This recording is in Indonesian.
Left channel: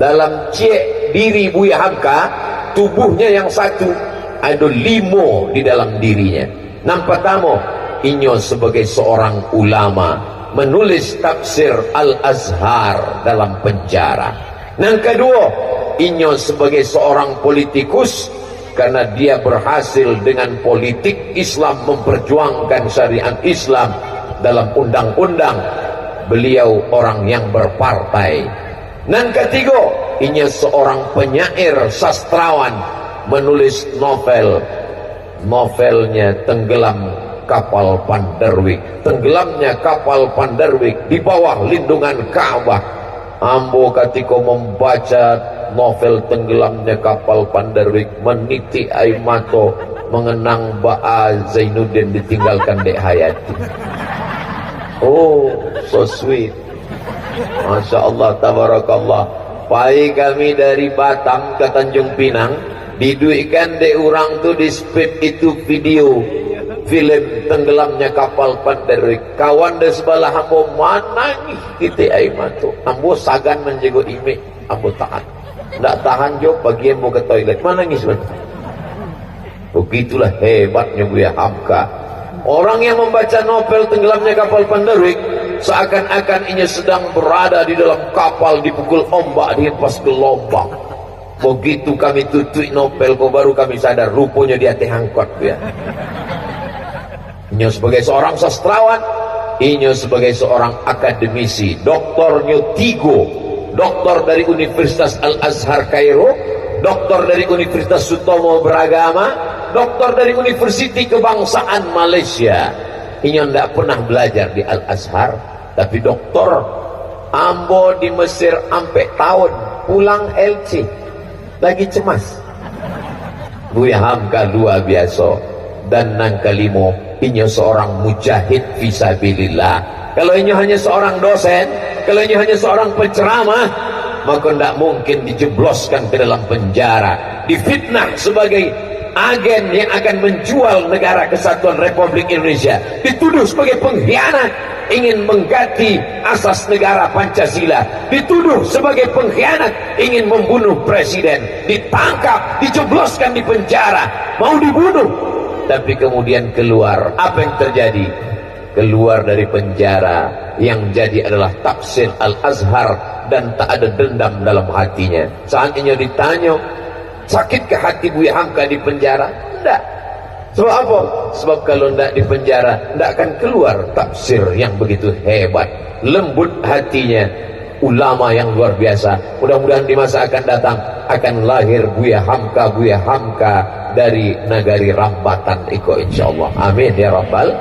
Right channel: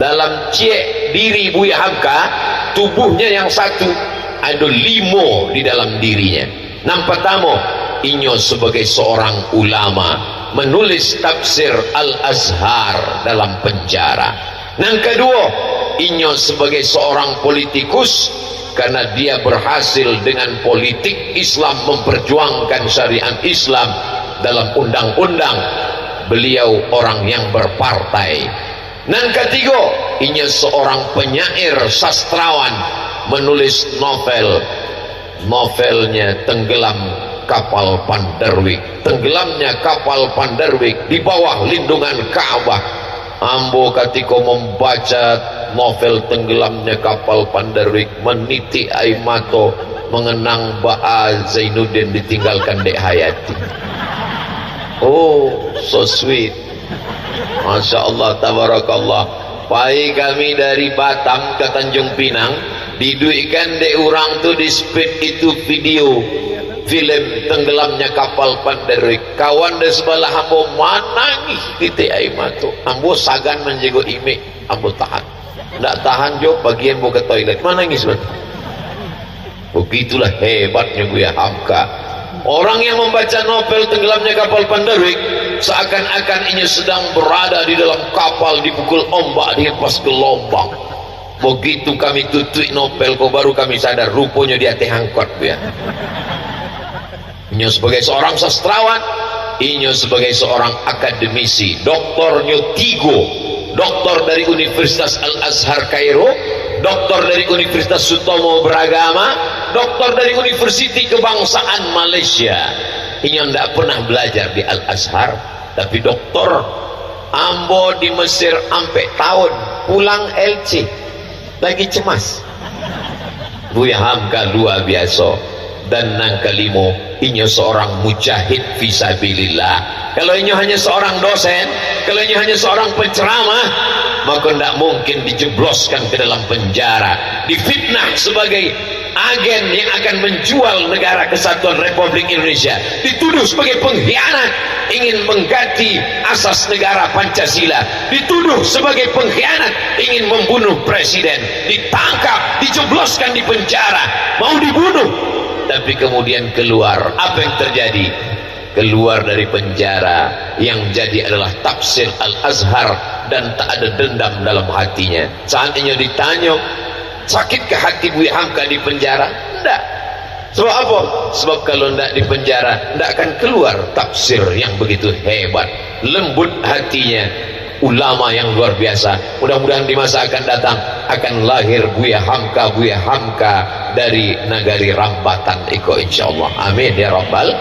dalam cek diri Buya Hamka, tubuhnya yang satu ada 5 di dalam dirinya. Yang pertama, inyo sebagai seorang ulama menulis tafsir Al-Azhar dalam penjara. Yang kedua, inyo sebagai seorang politikus karena dia berhasil dengan politik Islam memperjuangkan syariat Islam dalam undang-undang. Beliau orang yang berpartai. Yang ketiga, inyo seorang penyair sastrawan menulis novel. Novelnya Tenggelam Kapal Panderwik. Tenggelamnya kapal Panderwik di bawah lindungan Ka'bah. Ambo ketika membaca novel Tenggelamnya Kapal Panderwik, meniti air mata mengenang Ba'a Zainuddin ditinggalkan Dek Hayati. Oh, so sweet. Masya Allah, tabarakallah. Pai kami dari Batam ke Tanjung Pinang, diduikan dek orang tu di speed itu video film Tenggelamnya Kapal Panderwik. Kawan di sebelah ambo menangis di air mata. Ambo sagan menjaga imik, ambo tahan. Tak tahan jo bagian mau ke toilet, menangis betul. Begitulah hebatnya Buya Hamka. Orang yang membaca novel Tenggelamnya Kapal Panderwik seakan-akan ia sedang berada di dalam kapal dipukul ombak, dihempas gelombang. Begitu kami tutup novel, kok baru kami sadar rupanya dia tehangkot ya. Ini sebagai seorang sastrawan, ini sebagai seorang akademisi, doktornya 3, doktor dari Universitas Al-Azhar Kairo, doktor dari Universitas Sutomo Beragama, doktor dari Universiti Kebangsaan Malaysia. Ini tidak pernah belajar di Al-Azhar, tapi doktor. Ambo di Mesir sampai tahun pulang LC lagi cemas. Buya Hamka luar biasa. Dan yang kelima, ini seorang mujahid fisabilillah. Kalau ini hanya seorang dosen, kalau ini hanya seorang penceramah, maka tidak mungkin dijebloskan ke dalam penjara, difitnah sebagai agen yang akan menjual negara kesatuan Republik Indonesia, dituduh sebagai pengkhianat ingin mengganti asas negara Pancasila, dituduh sebagai pengkhianat ingin membunuh presiden, ditangkap, dijebloskan di penjara, mau dibunuh. Tapi kemudian keluar, apa yang terjadi? Keluar dari penjara, yang jadi adalah tafsir Al-Azhar dan tak ada dendam dalam hatinya. Saatnya ditanya, sakit ke hati Buya Hamka di penjara? Tidak. Sebab apa? Sebab kalau tidak di penjara, tidak akan keluar tafsir yang begitu hebat. Lembut hatinya, ulama yang luar biasa. Mudah-mudahan di masa akan datang akan lahir Buya Hamka dari Nagari Rambatan Iko, insyaallah. Amin ya rabbal